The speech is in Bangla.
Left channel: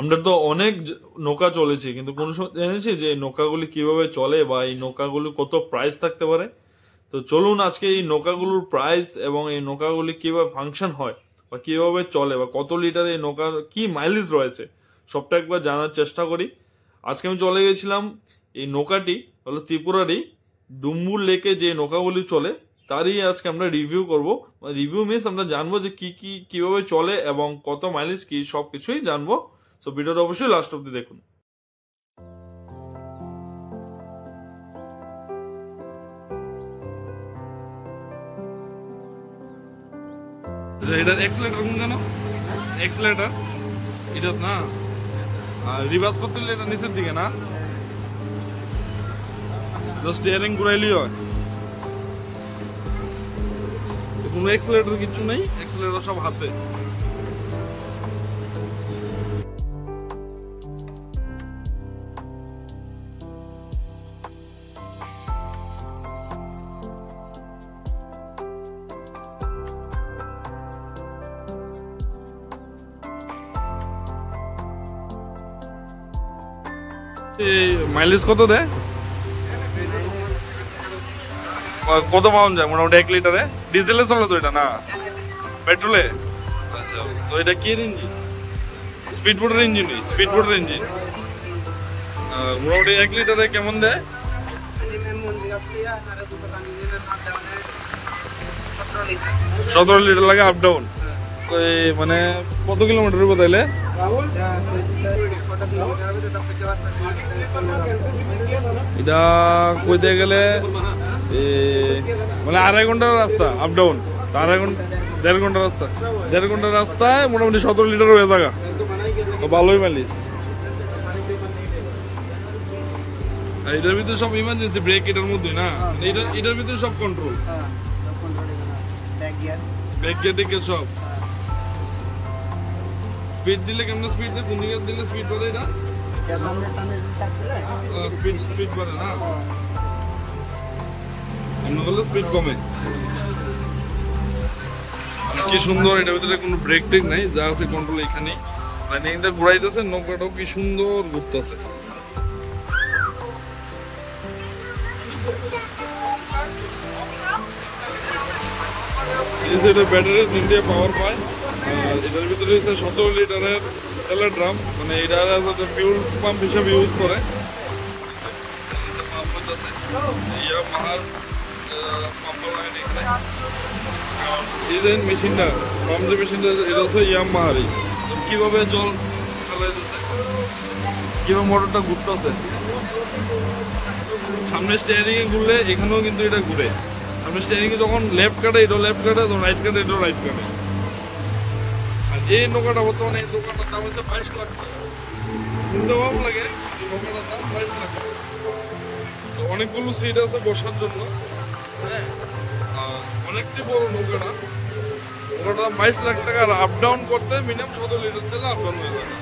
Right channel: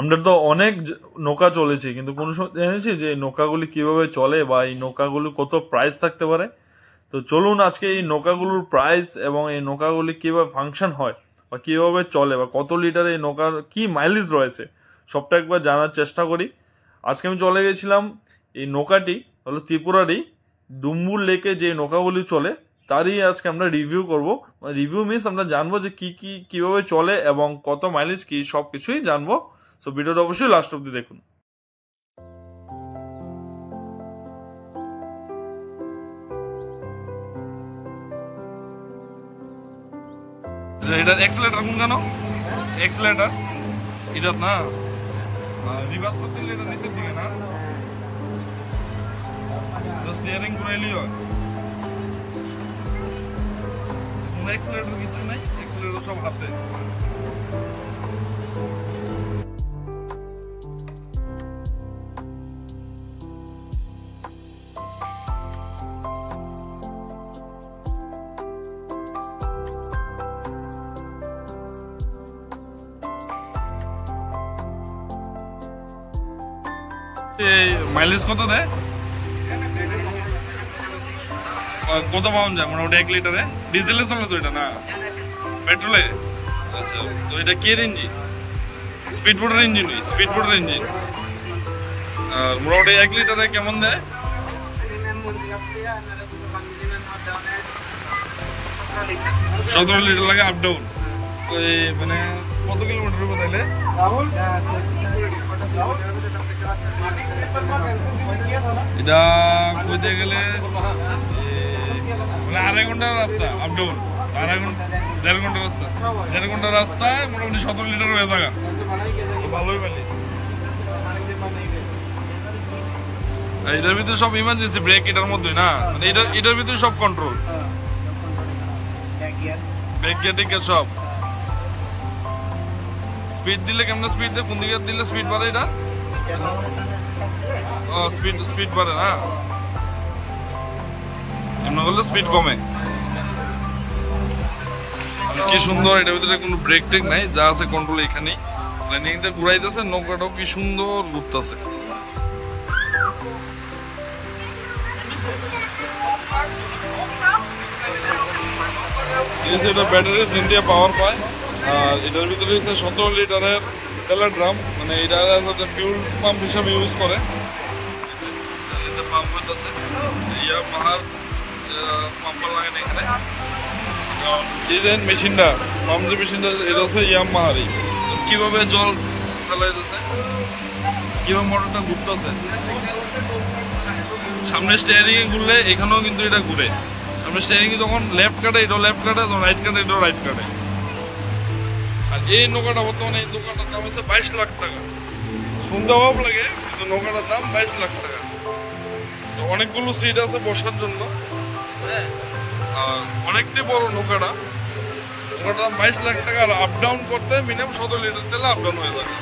আমরা তো অনেক নৌকা চলেছি, কিন্তু কোনো সময় জেনেছি যে এই নৌকাগুলি কিভাবে চলে বা এই নৌকাগুলি কত প্রাইস থাকতে পারে। তো চলুন আজকে এই নৌকাগুলোর প্রাইস এবং এই নৌকাগুলি কিভাবে ফাংশন হয় বা কিভাবে চলে বা কত লিটার এই নৌকার কি মাইলেজ রয়েছে সবটা একবার জানার চেষ্টা করি। আজকে আমি চলে গেছিলাম, এই নৌকাটি হলো ত্রিপুরারই ডুম্বুর লেকে যে নৌকাগুলি চলে তারই আজকে আমরা রিভিউ করব। রিভিউ মিনস আমরা জানবো যে কিভাবে চলে এবং কত মাইলেজ কি সব কিছুই জানবো। সো ভিডিওটা অবশ্যই লাস্ট অব্দি দেখুন। এটার এক্সেলেটর কোন কেন? এক্সেলেটর এটা না, রিভার্স করতে গেলে এটা নিচের দিকে না, স্টিয়ারিং ঘুরাইলেই হয়। কোনো এক্সেলেটর কিছু নেই, এক্সেলেটর সব হাতে। মাইলেজ কত দেয়? কত পাউন্ড যায় মোটামুটি 1 লিটারে? ডিজেলে চলে তো এটা না পেট্রোলে? আচ্ছা, তো এটা কি ইঞ্জিন? স্পিড বোটের ইঞ্জিন? স্পিড বোটের ইঞ্জিন। আর মোটামুটি 1 লিটারে কেমন দেয়? 17 লিটার লাগে আপ ডাউন। তো এই মানে কত কিলোমিটার হবে তাহলে? এটা কইতে গেলে মানে 2.5 ঘন্টার রাস্তা আপ ডাউন, 2.5 ঘন্টা 1.5 ঘন্টা রাস্তা, 1.5 ঘন্টা রাস্তায় মোটামুটি 17 লিটার হয়ে থাকা, ভালোই মাইলেজ। এটার ভিতরে সব ইমার্জেন্সি ব্রেক এটার মধ্যে না, মানে এটার ভিতরে সব কন্ট্রোল, ব্রেক গিয়ার টিকে সব। স্পিড দিলে কেমন স্পিড দেয়? কোন দিকে দিলে স্পিড বাড়ে? এটা স্পিড বাড়ে না, এমন করলে স্পিড কমে। কি সুন্দর, এটার ভিতরে কোনো ব্রেক টেক নাই, যা আছে কন্ট্রোল এখানেই। রানিং দিয়ে ঘুরাইতেছে, নৌকাটাও কি সুন্দর ঘুরতেছে। এটা ব্যাটারি ইন্ডিয়া পাওয়ার পায়। আর এটার ভিতরে 17 লিটারের তেলের ড্রাম, মানে এটা ফিউল পাম্প হিসাবে ইউজ করে। পাম্প হইতেছে ইয়ামাহার পাম্প লাগান এখানে। এই যে মেশিনটা, পাম্প যে মেশিনটা, এটা হচ্ছে ইয়ামাহারই। কিভাবে জল ফেলাইতেছে, কিভাবে মোটরটা ঘুরতেছে। সামনে স্টিয়ারিং এ ঘুরলে এখানেও কিন্তু এটা ঘুরে। সামনে স্টিয়ারিং এ যখন লেফট কাটে এটাও লেফট কাটে, যখন রাইট কাটে এটাও রাইট কাটে। আর এই নৌকাটা বর্তমানে, এই নৌকাটার দাম হচ্ছে 22 লাখ টাকা। শুনতে অভাব লাগে, কিন্তু নৌকাটার দাম 22 লাখ টাকা। তো অনেকগুলো সিট আছে বসার জন্য, আর অনেকটাই বড় নৌকাটা। নৌকাটার 22 লাখ টাকা। আর আপ ডাউন করতে মিনিমাম 17 লিটার তেলে আপ ডাউন হয়ে থাকে।